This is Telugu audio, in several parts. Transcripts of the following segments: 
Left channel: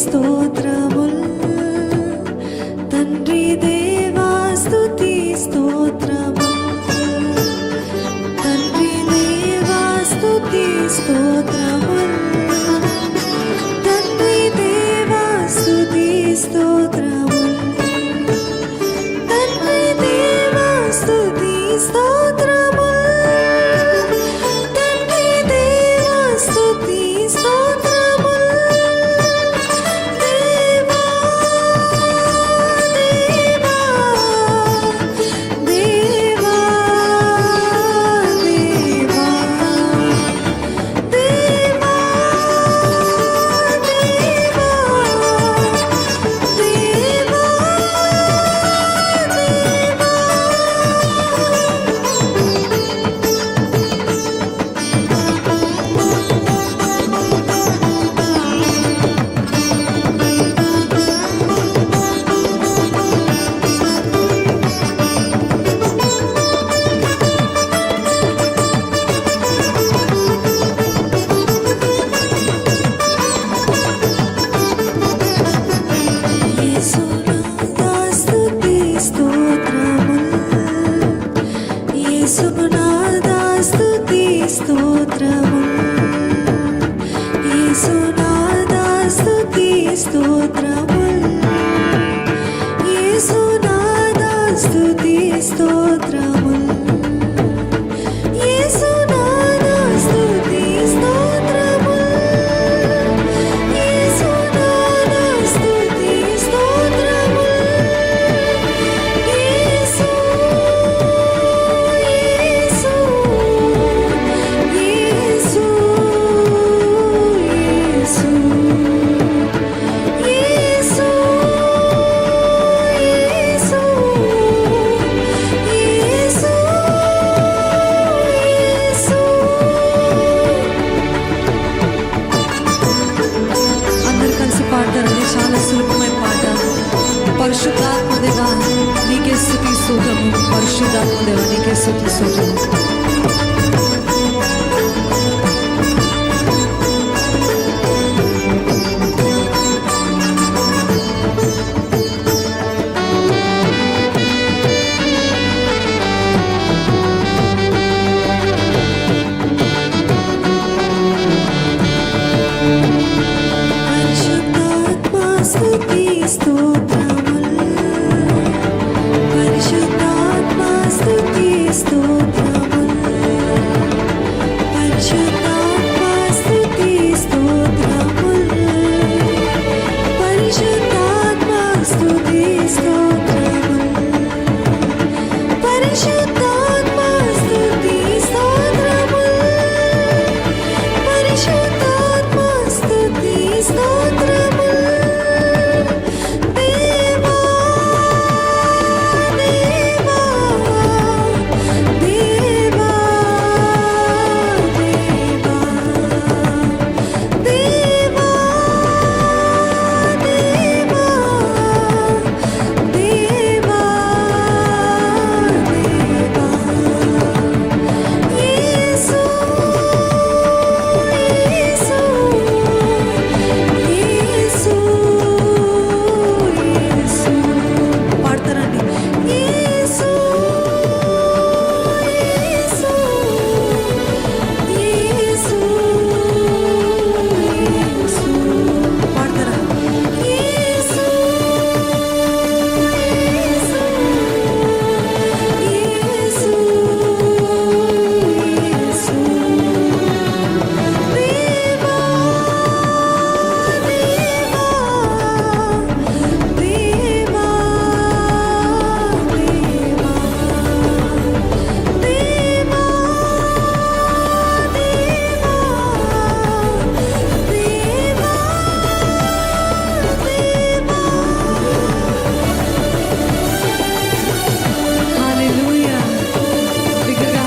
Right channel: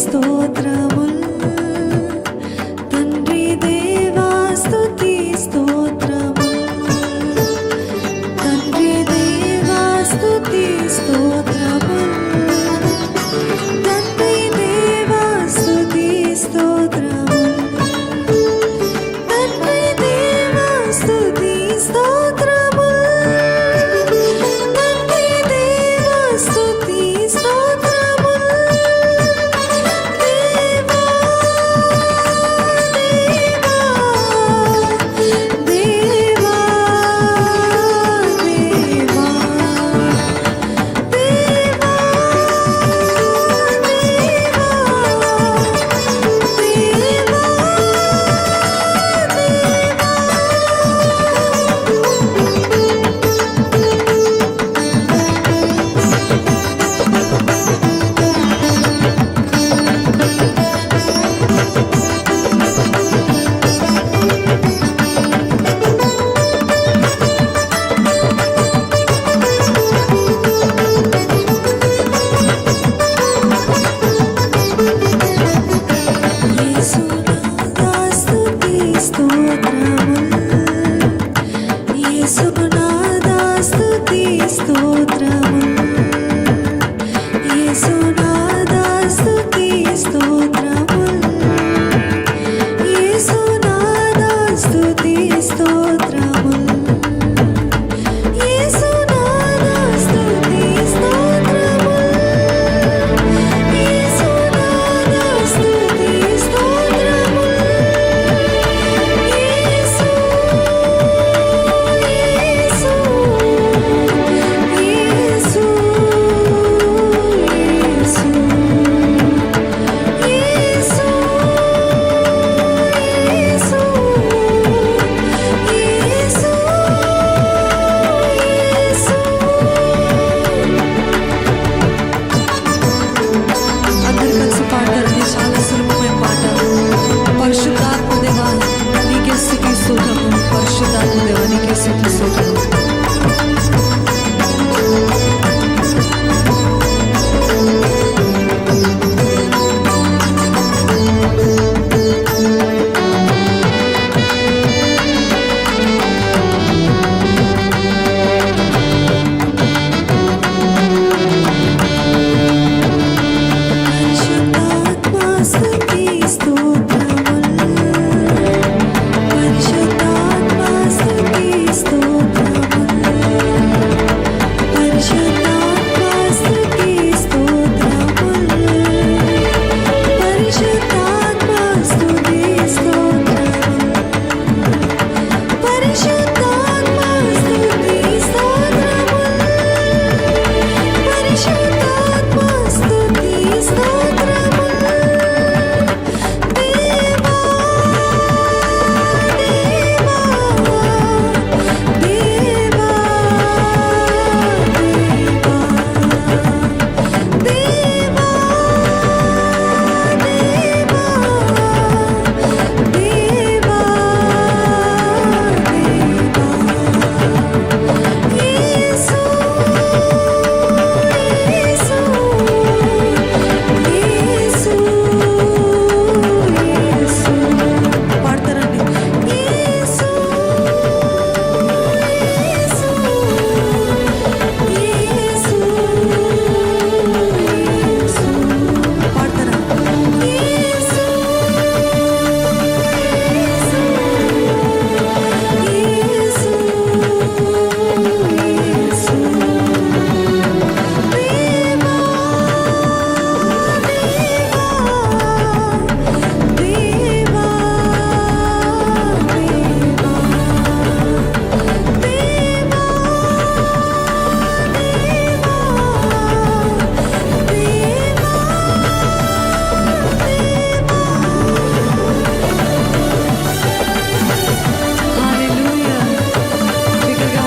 స్తోత్రముల్. తండ్రి దేవా స్తుతి స్తోత్రముల్. తండ్రి దేవా స్తుతి స్తోత్రముల్. అందరు కలిసి పాడతారండి చాలా సులభమైన పాట పరిశుద్ధాత్మదేవా నీకే స్థుతి స్తోత్రము. పరిశుద్ధాత్మదేవా నీకే స్థుతి స్తోత్రము.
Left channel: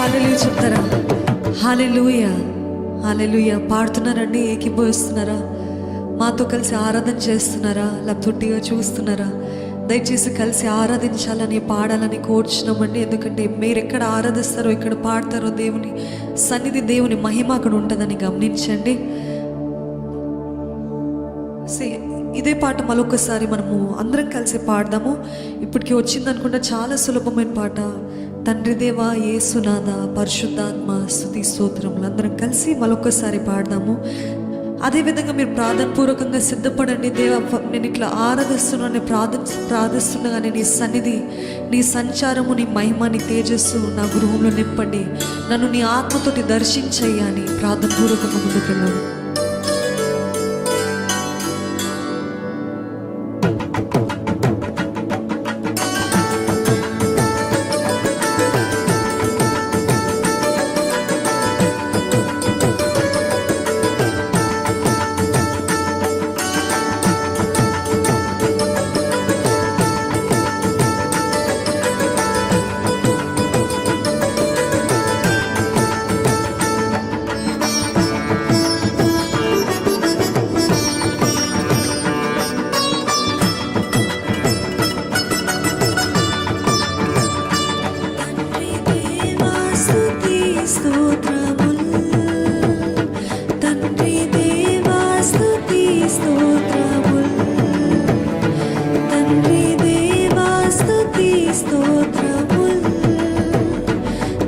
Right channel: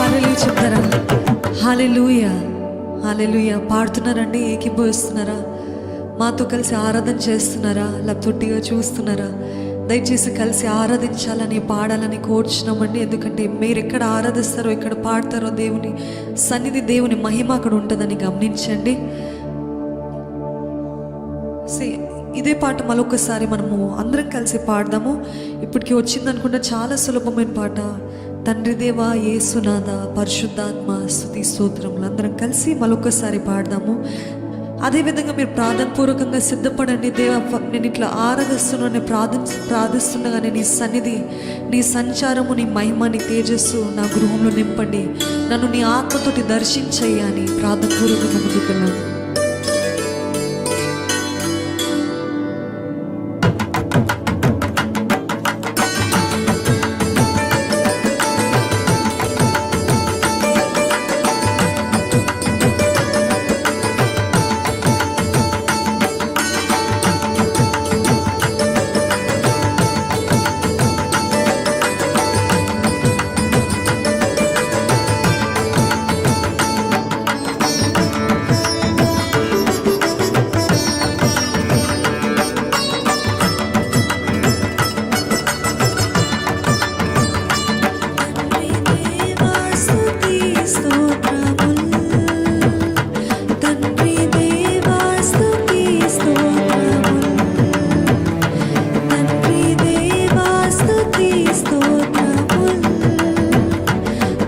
బిగ్గరగా చెప్తారా? Hallelujah hallelujah. పాడుతున్నారండి ఏకిపోయిస్తున్నారా? మాతో కలిసి ఆరాధన చేస్తున్నారా? లబ్తొట్టిగా చూస్తున్నారా? దయచేసి కలిసి ఆరాధించాలని పాడాలని కోర్చున్నామండి. ఎందుకంటే మీరు ఎక్కడ ఆరాధిస్తారో ఎక్కడ పాడతారో దేవుని సన్నిధి దేవుని మహిమ అక్కడ ఉంటుందని గమనించండి. సే ఇదే పాట మరొకసారి మనము అందరం కలిసి పాడదాము. ఇప్పటికి వచ్చిందనుకుంటే చాలా సులభమైన పాట. తండ్రి దేవా యేసునాథ పరిశుద్ధాత్మ స్థుతి స్తోత్రములు అందరం కలిసి మరొకసారి పాడదాము. అదేవిధంగా మీరు ప్రార్థన పూర్వకంగా సిద్ధపడండి. దేవ నేను ఇట్లా ఆరాధిస్తున్నా నేను ప్రార్థన ప్రార్థిస్తుండగానే నీ సన్నిధి నీ సంచారము నీ మహిమ నీ తేజస్సు నా గృహంలో నింపండి. నన్ను నీ ఆత్మతోటి దర్శించయ్యా అని ప్రార్థన పూర్వకంగా స్తుతి స్తోత్రముల్.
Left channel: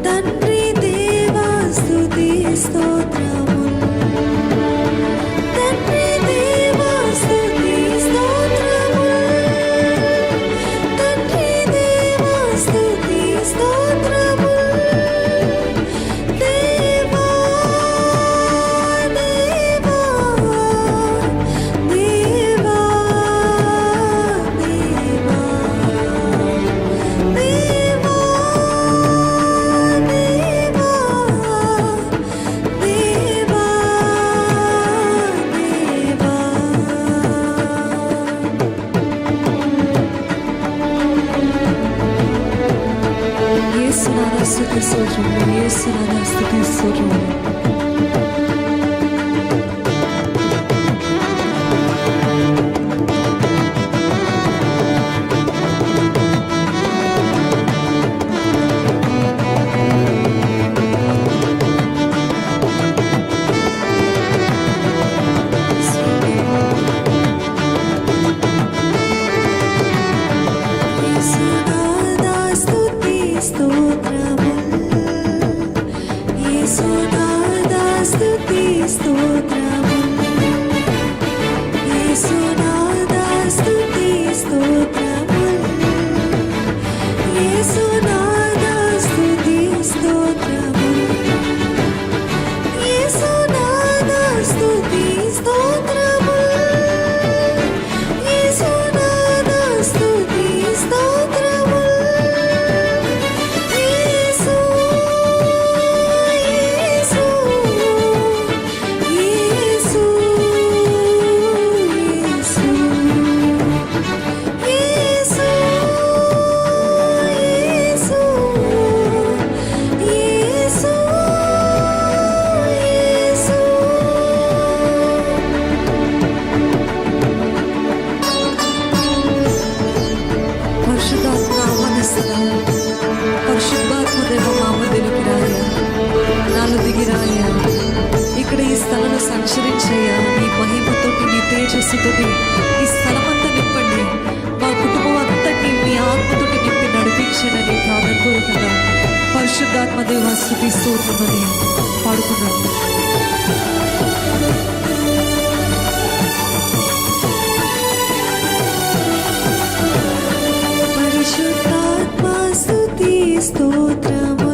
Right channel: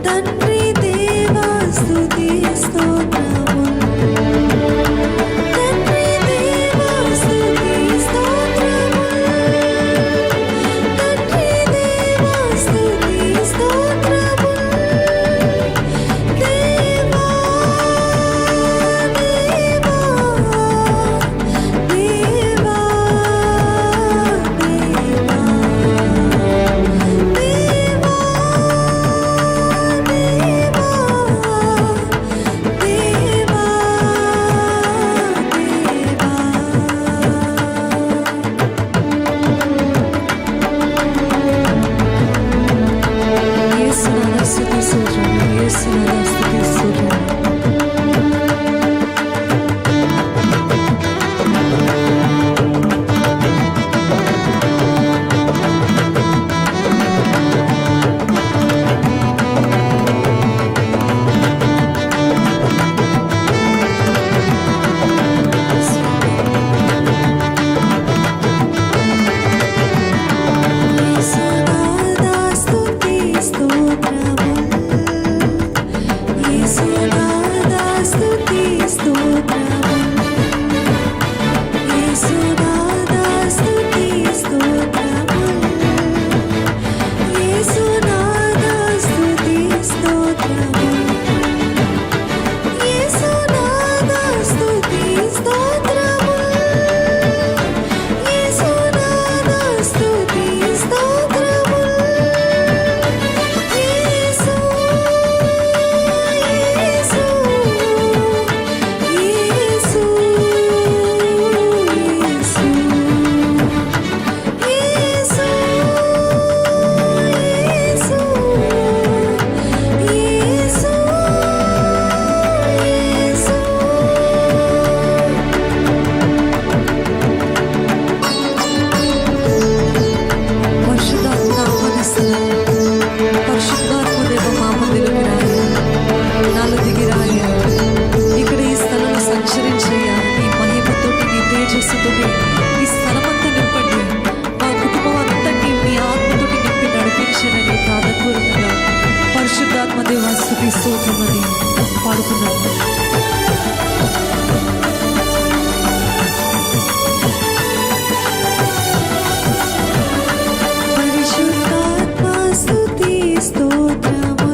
తండ్రి దేవా స్తుతి స్తోత్రముల్. sotto il soggiorno, e se la nasce che il. యేసునాదాస్తుతి స్తోత్రము. యేసునాదాస్తుతి స్తోత్రము. యేసునాదాస్తుతి స్తోత్రము. ఆశ్చర్యించయ్యా నీ మహిమతోటి నీ తేజస్సుతోటి ఈ స్థలమంతా నింపండి. మా కుటుంబం అంతటి మీ ఆత్మతోటి నింపి నడిపించనని ప్రార్థపూర్వకంగా పరిశుద్ధాత్మ దేవ స్థుతి స్తోత్రమని పాడుకున్నాము పరిశుద్ధాత్మ స్తుతి స్తోత్రముల్